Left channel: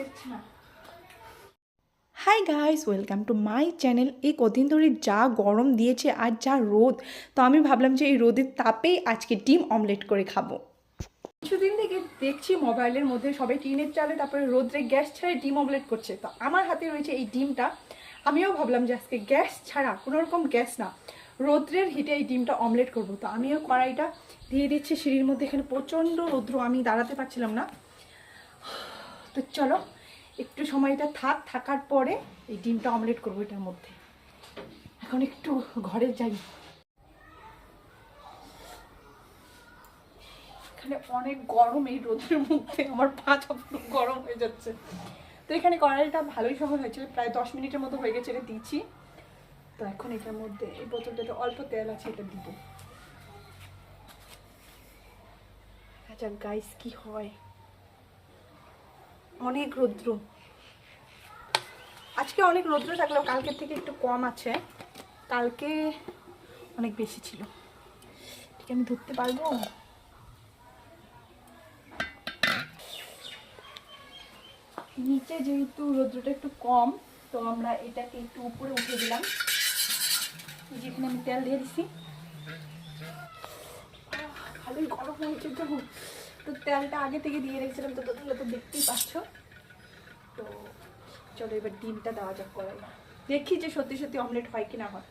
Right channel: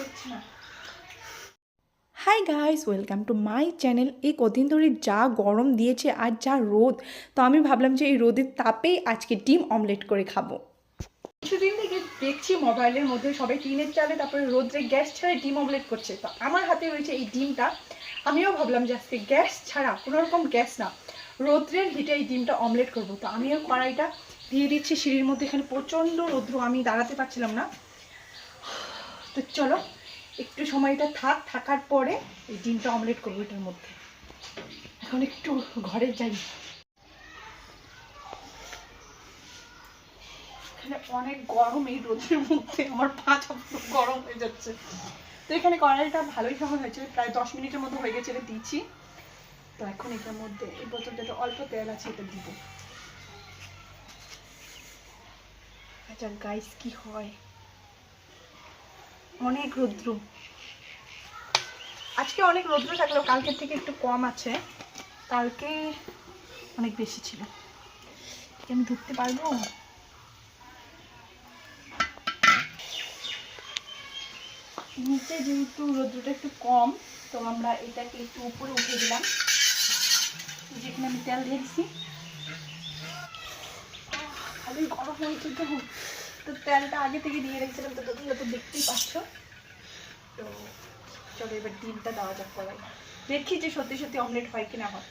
দেখছি না। Hi guys, welcome to my channel. এই কদিন ধরে যা গরম দিয়েছে আর যা রোদ, তো আমি ভাবলাম যে এই রোদের তাপেই আজকে ডিম অমলেট করে খাবো। কিছুদিন থেকে দেখছি মোবাইলের মধ্যে সবাই টিনের চালে তারপরে রোদ্রে গ্যাস ছাড়া ডিম অমলেট করছে, তো আমার হাতে রয়েছে এই ডিমটা। আমিও ভাবলাম যে আজকে গ্যাস ছাড়া, কোনো রকম গ্যাস না, রোদ্রের হিটে এই ডিমটা অমলেট করবো। তো আমিও কড়াইটা দিয়ে দিচ্ছি সিঁড়ির মধ্যে, এখানে প্রচণ্ড রৌদ্র, আমি দাঁড়াতে পারছিলাম না। তো চলো একটু সময়টা থাকার পরে এই ডিমটা অমলেট করবো এটার মধ্যে। এখন একটু ঘরে যাই, এখানে অনেক গরম, এই রোদের মধ্যে আমার পাটা পুরো গরম হয়ে যাচ্ছে। তো এখানে কড়াইটা ভালোই সময় হয়েছে, প্রায় 10 মিনিটের মতো হয়ে গেছে, এটা দিচ্ছি। তো এখন এটার মধ্যে এই বোতলটাতে অল্প তেল আছে, এটা দিব। আচ্ছা গাইস, কি হয়, অনেক রৌদ্র আজকে, অনেক রৌদ্র থাকলেও কালকের থেকে একটু কম আছে, কালকে অনেক বেশি ছিল। ঠিক আমি ধরতে পারবো? নিচে যেহেতু রৌদ্রটা একটু কম, তো আমরা এটাকে একটু উপরে উঠে দিলাম, যেখানে আমি তেল দিয়ে দিচ্ছি। ভালোই গরম হয়েছে, তো তেলটা আগে থেকে দিয়ে রেখেছিলাম, তো তোমরা তো দেখতেই পাচ্ছ। তো চলো এবার ডিমটা দেওয়া যাক করাই, দেখি যে সত্যি সত্যি অমলেট হয় কিনা হয়।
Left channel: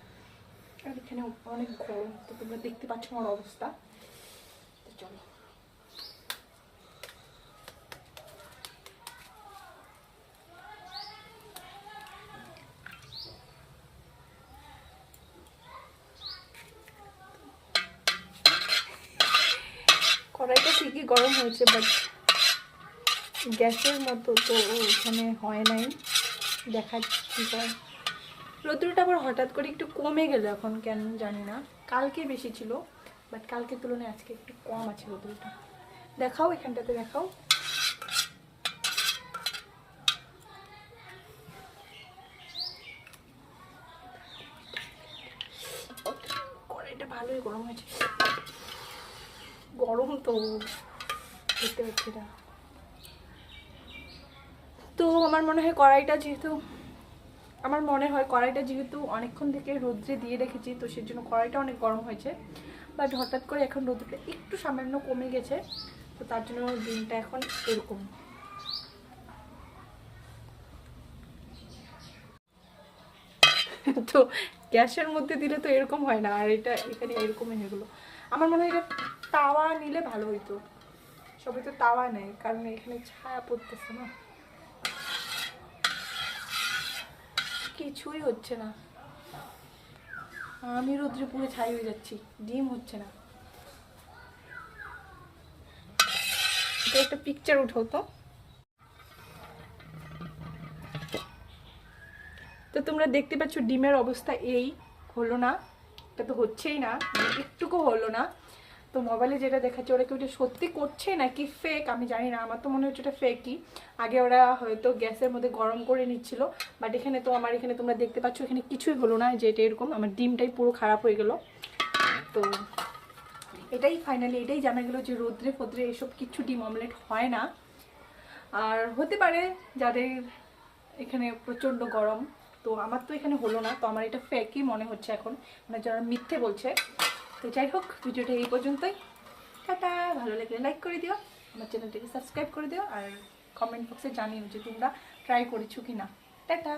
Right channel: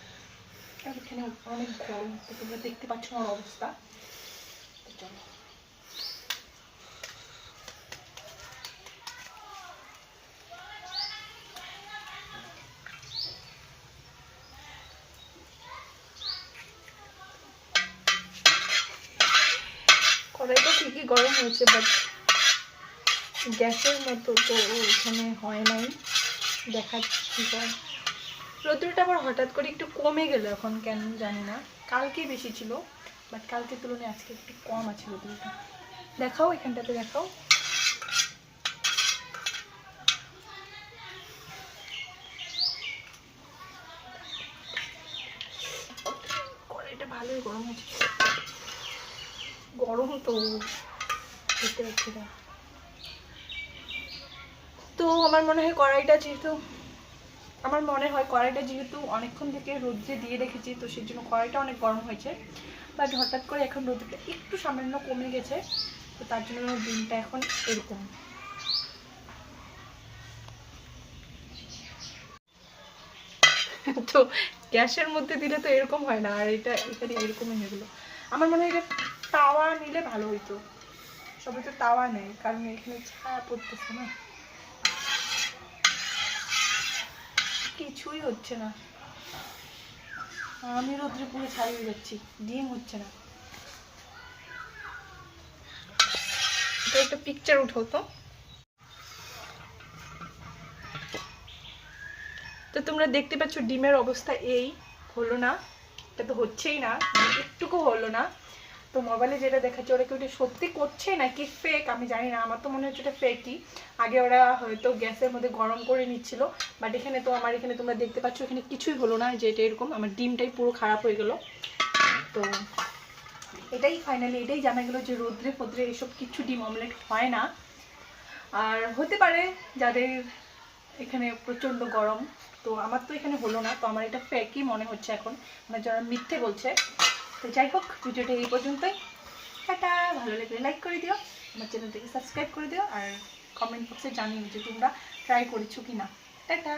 এখানে অনেক গরম, তো তোমরা দেখতে পাচ্ছ আমার অবস্থা। তো চলো কড়াইটা ঠিকই গরম হয়েছে, বাট গ্যাসের মতো তো এখানে হয় নাই, দেখাচ্ছি। রৌদ্রটা আবার হঠাৎ করে একটু কমে গেল এখন, কেন জানি না। কালকে বেশি ছিল, বাট কালকের তুলনায় আজকে একটু কম আছে রৌদ্রটা। দেখাও, এখানটাতে দেখাও। কড়াইটা ভালোই গরম আছে, গরম তো দেখতে পাচ্ছি না। তো আমার মনে হয় কড়াইটা যেহেতু অনেকক্ষণ থেকে রোদ্রে দিয়ে রেখেছি, তো সেই জন্য কড়াইটা অনেক গরম হয়েছে। বাট হঠাৎ করে এখন রোদ্রটা একটু সামান্য কমে গেছে, তো তার জন্য ডিমটা এখন এরকম। তো গ্যাসের মধ্যে দিলে তো এরকম হয় না, আর এটা এখানে এরকমই হয়ে গেলো। আমার মনে হয় এটা তাওয়া নিলে ভালো হইতো, সবাই তো তাওয়া নেয়, কারণ এখানে ছায়া পড়তেছে না, কিছুই হচ্ছে না। আমি রোদ্রে পুরো ছাই হয়ে যাচ্ছি, ডিম হচ্ছে না। এটা একটা পিকচার উঠাও তো। তো তোমরা দেখতে পাচ্ছ ডিমের অবস্থা এই হলো না, এটা তো হচ্ছেই না, একটুকু হলো না। তো মোবাইলে যেটা দেখাচ্ছে ওরা কি ওটা সত্যি করছে নাকি ফেক আমি জানি না, আমার তো মনে হচ্ছে ওটা ফেকই। আগে ওরা হয়তো গ্যাসের মধ্যে গরম করে নিচ্ছিল, বাট এখানে তো আমার এখানে তোমরা দেখতে পাচ্ছ এখানে কিছুই হলো না, যে এটা এরকম আমার ডিমটাই পুরো খারাপ হয়ে গেল। তো এটাই ফাইনালি এটাই জানা গেল যে রোদ্রে ফোদ্রে এসব কিছু ডিম অমলেট হয় না। আর হতে পারে যাদের এখানে প্রচণ্ড গরম, তো আমার তো এখানে হলো না, তো আমার এটা ফেকই মনে হচ্ছে এখন, মানে যারা মিথ্যে বলছে। তো যাই হোক, ভিডিওটা এই পর্যন্তই। টাটা, ভালো লাগলে লাইক করে দিও, আমার চ্যানেলটাকে সাবস্ক্রাইব করে দিও, আর কমেন্ট বক্সে জানিও যে তোমরা ট্রাই করেছো কি না। টাটা।